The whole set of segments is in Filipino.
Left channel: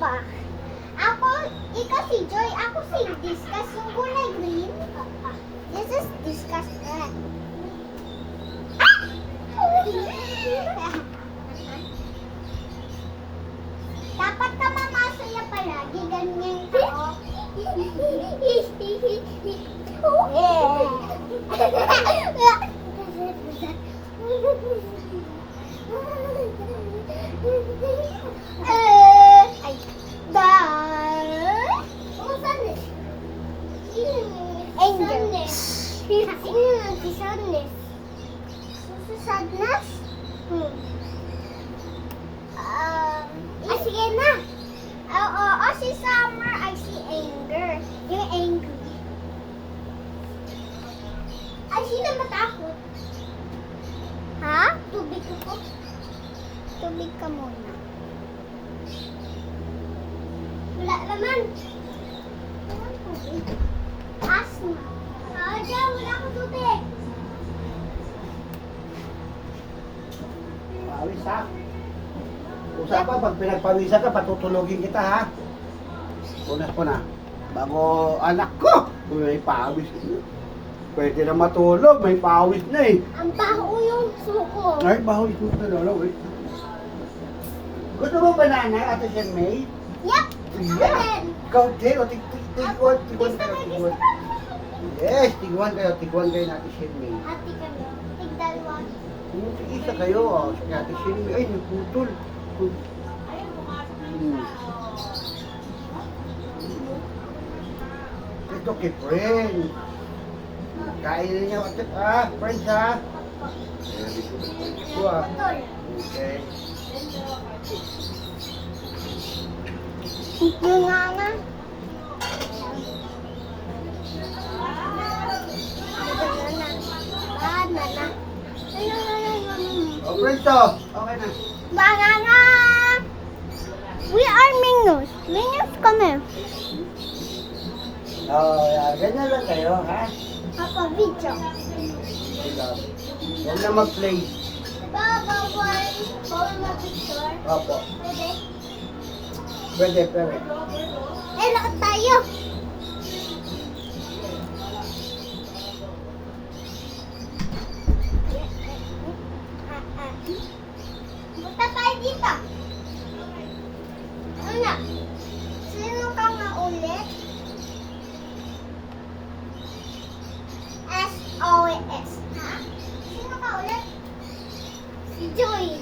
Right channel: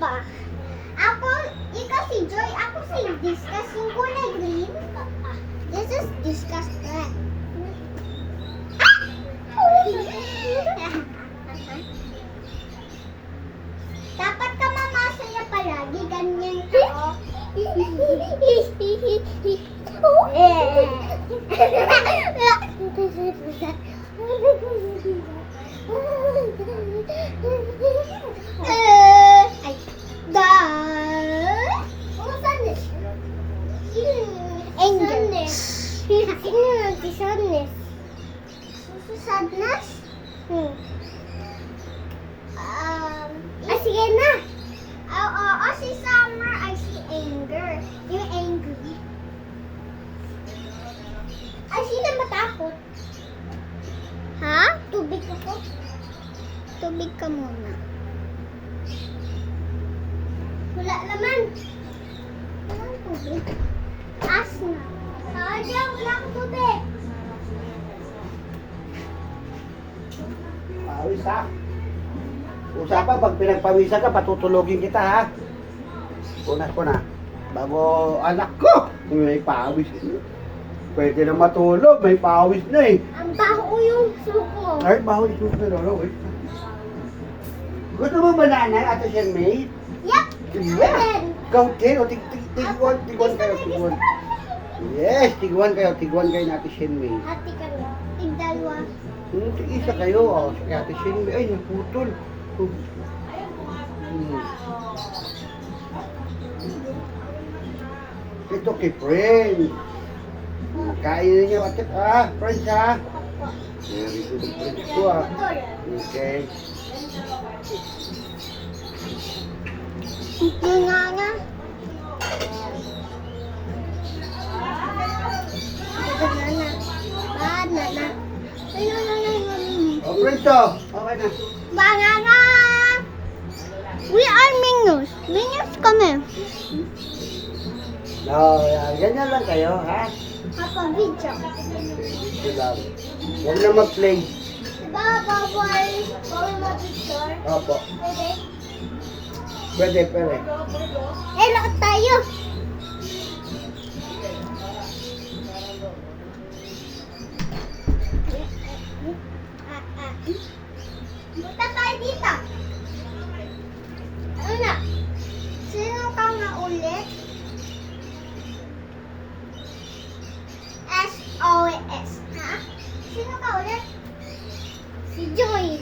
pa. Ako, ikaw si Joy, ako si Discuss. Yung kulay green. This is Discuss. Dapat ka mamasaya palagi, ganyan ka. Ay, Angel. Sino nag-sadness? Sadness? Sige na. Oo, si Summer ay si Anger. Yung angry. Ay, sino matakot? Ha? Tubig ako. Tubig ka muna. Wala naman. Walang tubig. Taas na. Sayang, wala akong tubig. Pawis ha. Usapan, pag pinagpawisan ka, patutulogin kita ha. Punas ko na. Bago anak ko, may pawis. Pwede na matulog, may pawis na eh. Ang baho yung suko. Ay, baho yung suko na. Wait. Gusto mo banana, Ate Shen May? Yep. Yeah. Ikaw, Jen, o tigwan kayo, tigwan. Yes, tigwan kayo natin Shen May. Hati kami. Tigdalwa. Isa kayo, si Ate Shen May. Ay, naputol. Ito kay friends. Kainin niyo at friends ha. Very good friends ko Okay. Ito nga nga. Banana. Oh, friends to. Okay na. Banana. We are Minions. Minions kami. Ganyan lang kayo, ha? Papa, video. Sila. Yan na mag-play. Baba, bawal mo picture. Opo. Pwede? Pwede. Hello tayo. Punta tayo dito. Ano na? Sino ka nga ulit? SOS. Ha? Sino ka ulit? Si Joy.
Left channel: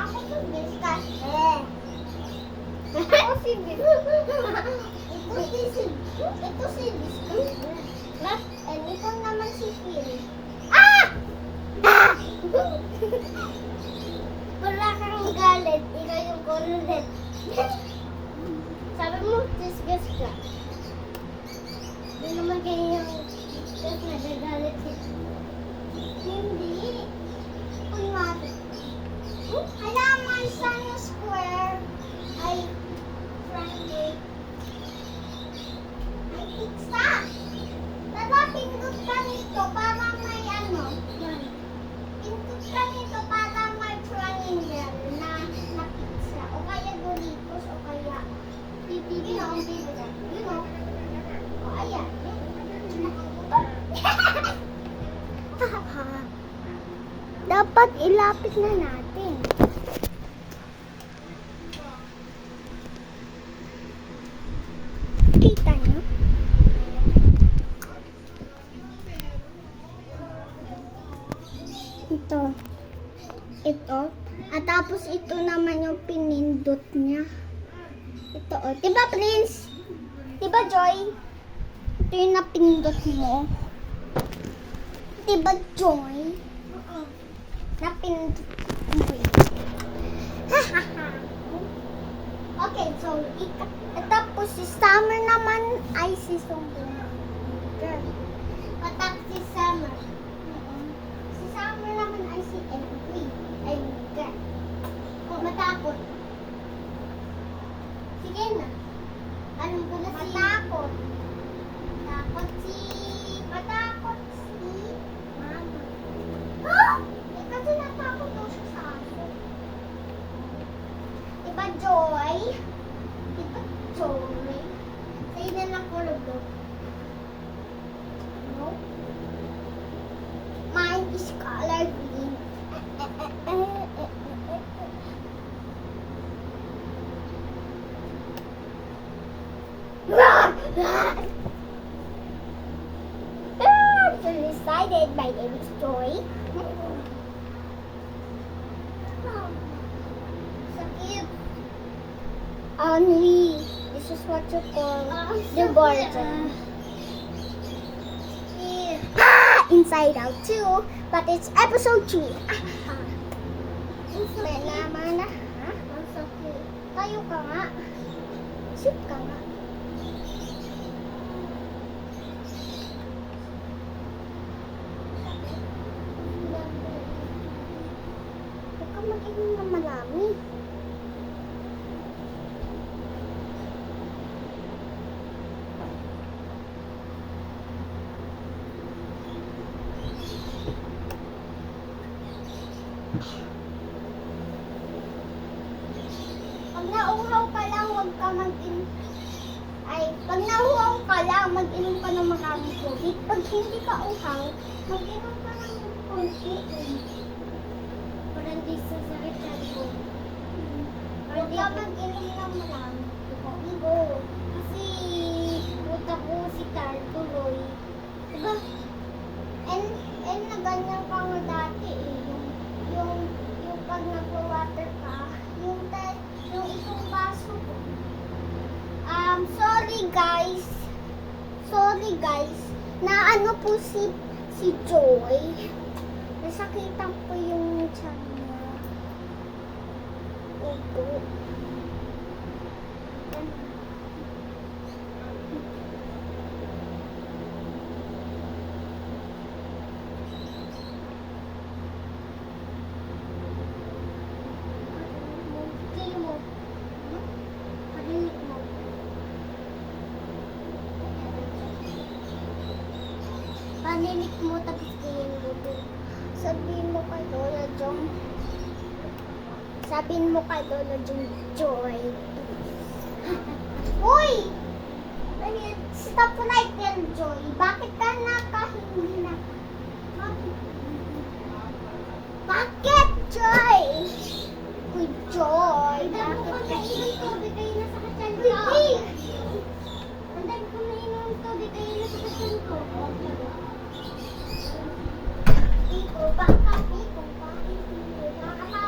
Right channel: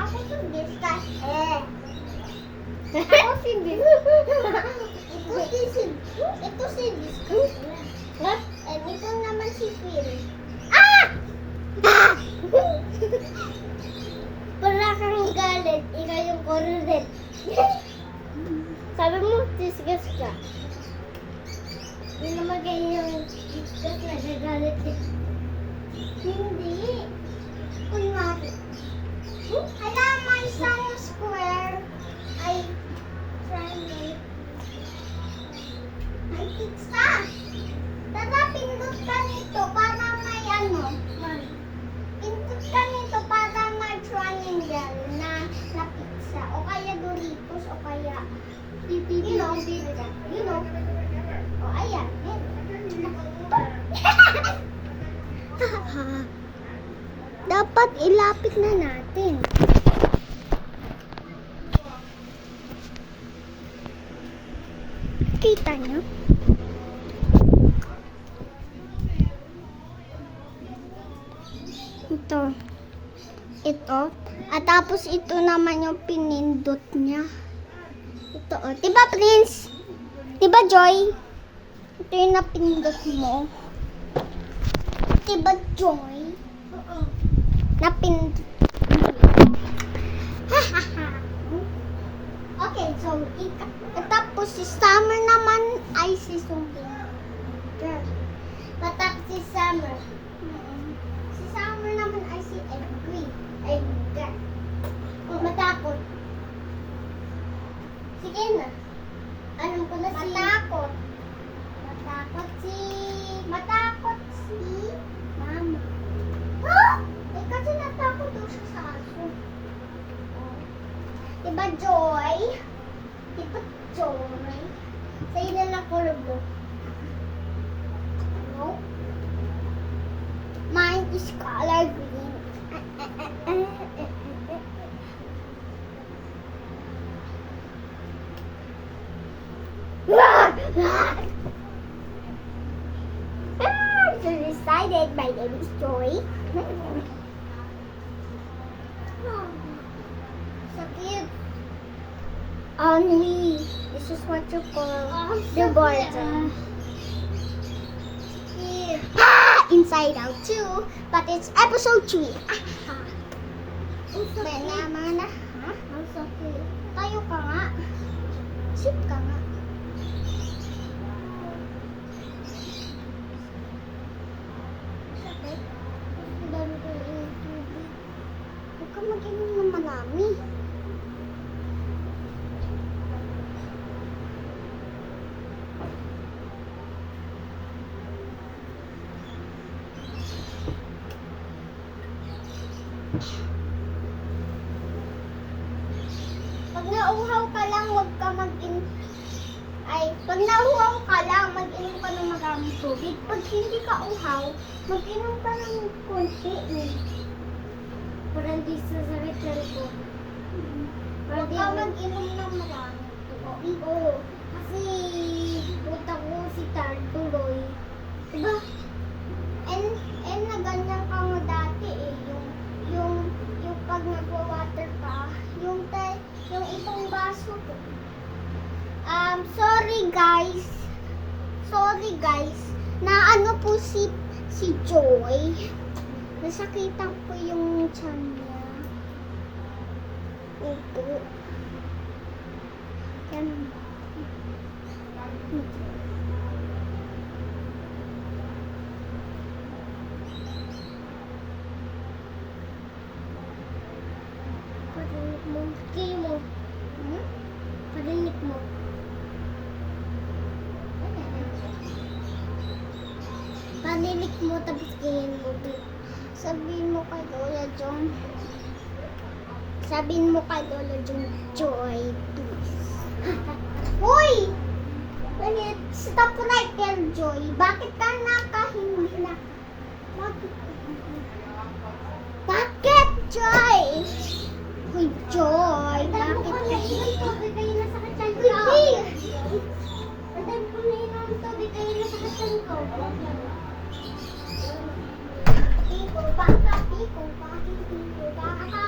Ako si Discuss. Ako si Discuss. Ito si Discuss. And ito naman si Phil. Wala kang galit. Ikaw yung kurulit. Sabi mo, Discuss ka. Hindi naman ganyan yung Discuss na gagalit eh. Hindi. Kunwari. Hala, may isang square ay triangle. Ay, pizza. Tara, pindot ka nito para may ano. Pindot ka nito para may triangle na pizza. O kaya Doritos o kaya you know. O, ayan. Dapat ilapit na natin. Kita niyo? Ito. At tapos ito naman yung pinindot niya. Ito, oh. Diba, Prince? Diba, Joy? Ito yung napindot mo. Diba, Joy? Napindot mo. Okay, so, tapos si Summer naman ay si Zombie. Girl. Tapos si Summer. Si Summer naman ay si Angry. Anger. Matakot. Sige na. Alam ko na si... Matakot. Matakot si... Mama. Eh, kasi natakot daw siya sa aso. Diba, Joy? Diba, Joy? Sa'yo na lang ko rin. No? Mine is color green. Decided my name is Joy. Sakit. Only, this is what you call the border. Inside Out 2, but it's episode 3. Mana? Ha? Ang sakit. Tayo ka nga. Sit ka nga. Sakit. Huwag ka mag-inom ng marami. Pag nauhaw ka lang, huwag ka mag-inom. Pag nauhaw ka lang, mag-inom ka ng maraming tubig. Pag hindi ka uhaw, mag-inom ka ng konti. Parang di sa sakit ko. Huwag ka mag-inom ng maraming tubig. Oo. Kasi utak ko si Tar tuloy. Diba? And na ganyan ka nga dati eh. Yung pag nagwa-water ka, yung itong baso ko. Sorry guys. Na ano po si Joy. Nasakitan po yung tiyan niya. Upo. Yan. Parinig mo. Kay mo. Hmm? Parinig mo. Paninig mo tapos kayin mo. Sabihin mo kay Lola Jong. Sabihin mo kay Lola Jong, Joy, please. Uy! Stop right there, Joy. Bakit ka nakahimla? Bakit, Joy? Uy, Joy, bakit ka? Tubig kayo na sa kachan Uy, ko. Uy! Andan ko na inom tubig kayo na sa kachan ko. Piko, baka, piko, baka, piko, baka.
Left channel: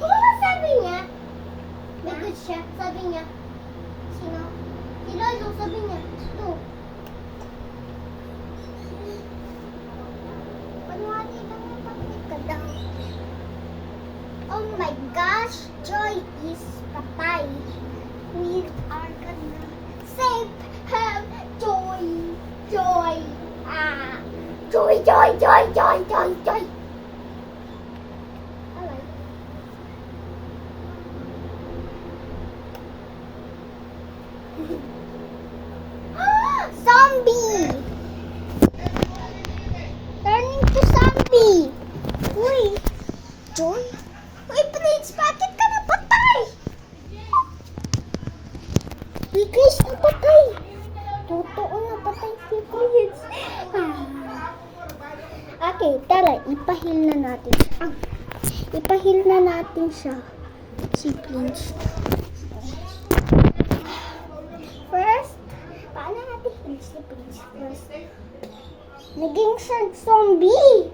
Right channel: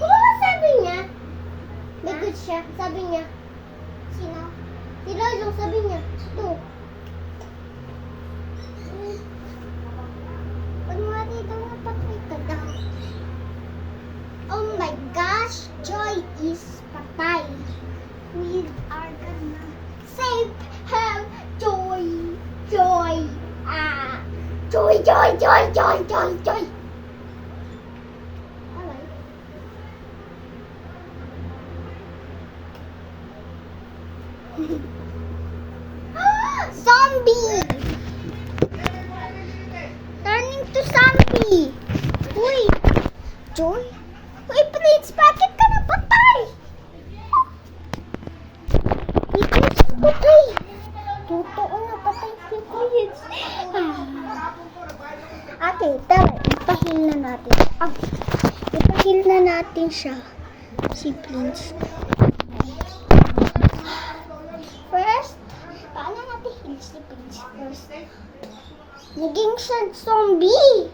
Ano ba sabi niya? May good siya. Sabi niya. Sino? Si Lolo, sabi niya. Ito. Kunwari daw napatay ka daw. Oh my gosh, Joy is patay. We are gonna save her, Joy. Joy. Joy. Alright. Zombie! Turning to zombie! Uy! Joy? Uy, Prince, bakit ka napatay? Uy, Chris, napatay! Totoo napatay si Prince. Okay, tara, ipahil na natin. Ipahil na natin siya. Si Prince. First, paano natin heal si Prince first? Naging siya zombie!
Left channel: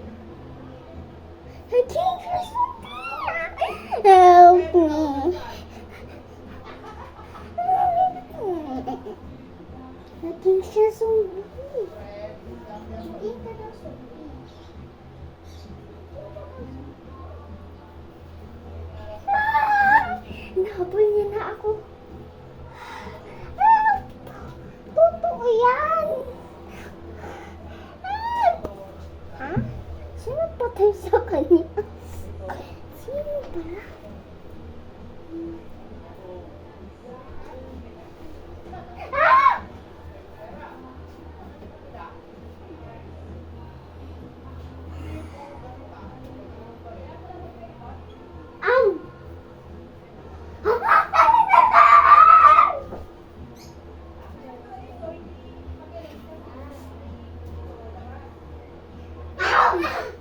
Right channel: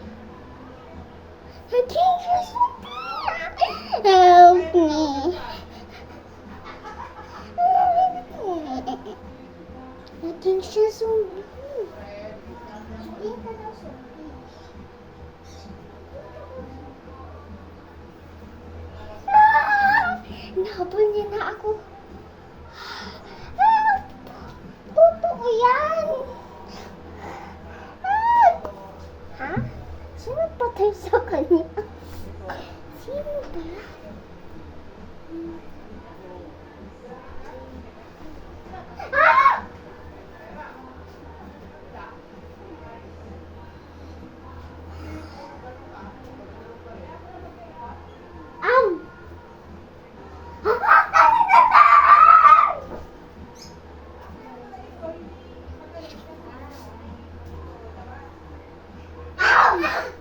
Naging siya zombie! Help me! Naging siya zombie! Hindi ka na zombie. Nahabol niya na ako. Totoo yan! Ha? Sino patay sa kanya? Sino pala? Ah! Wag!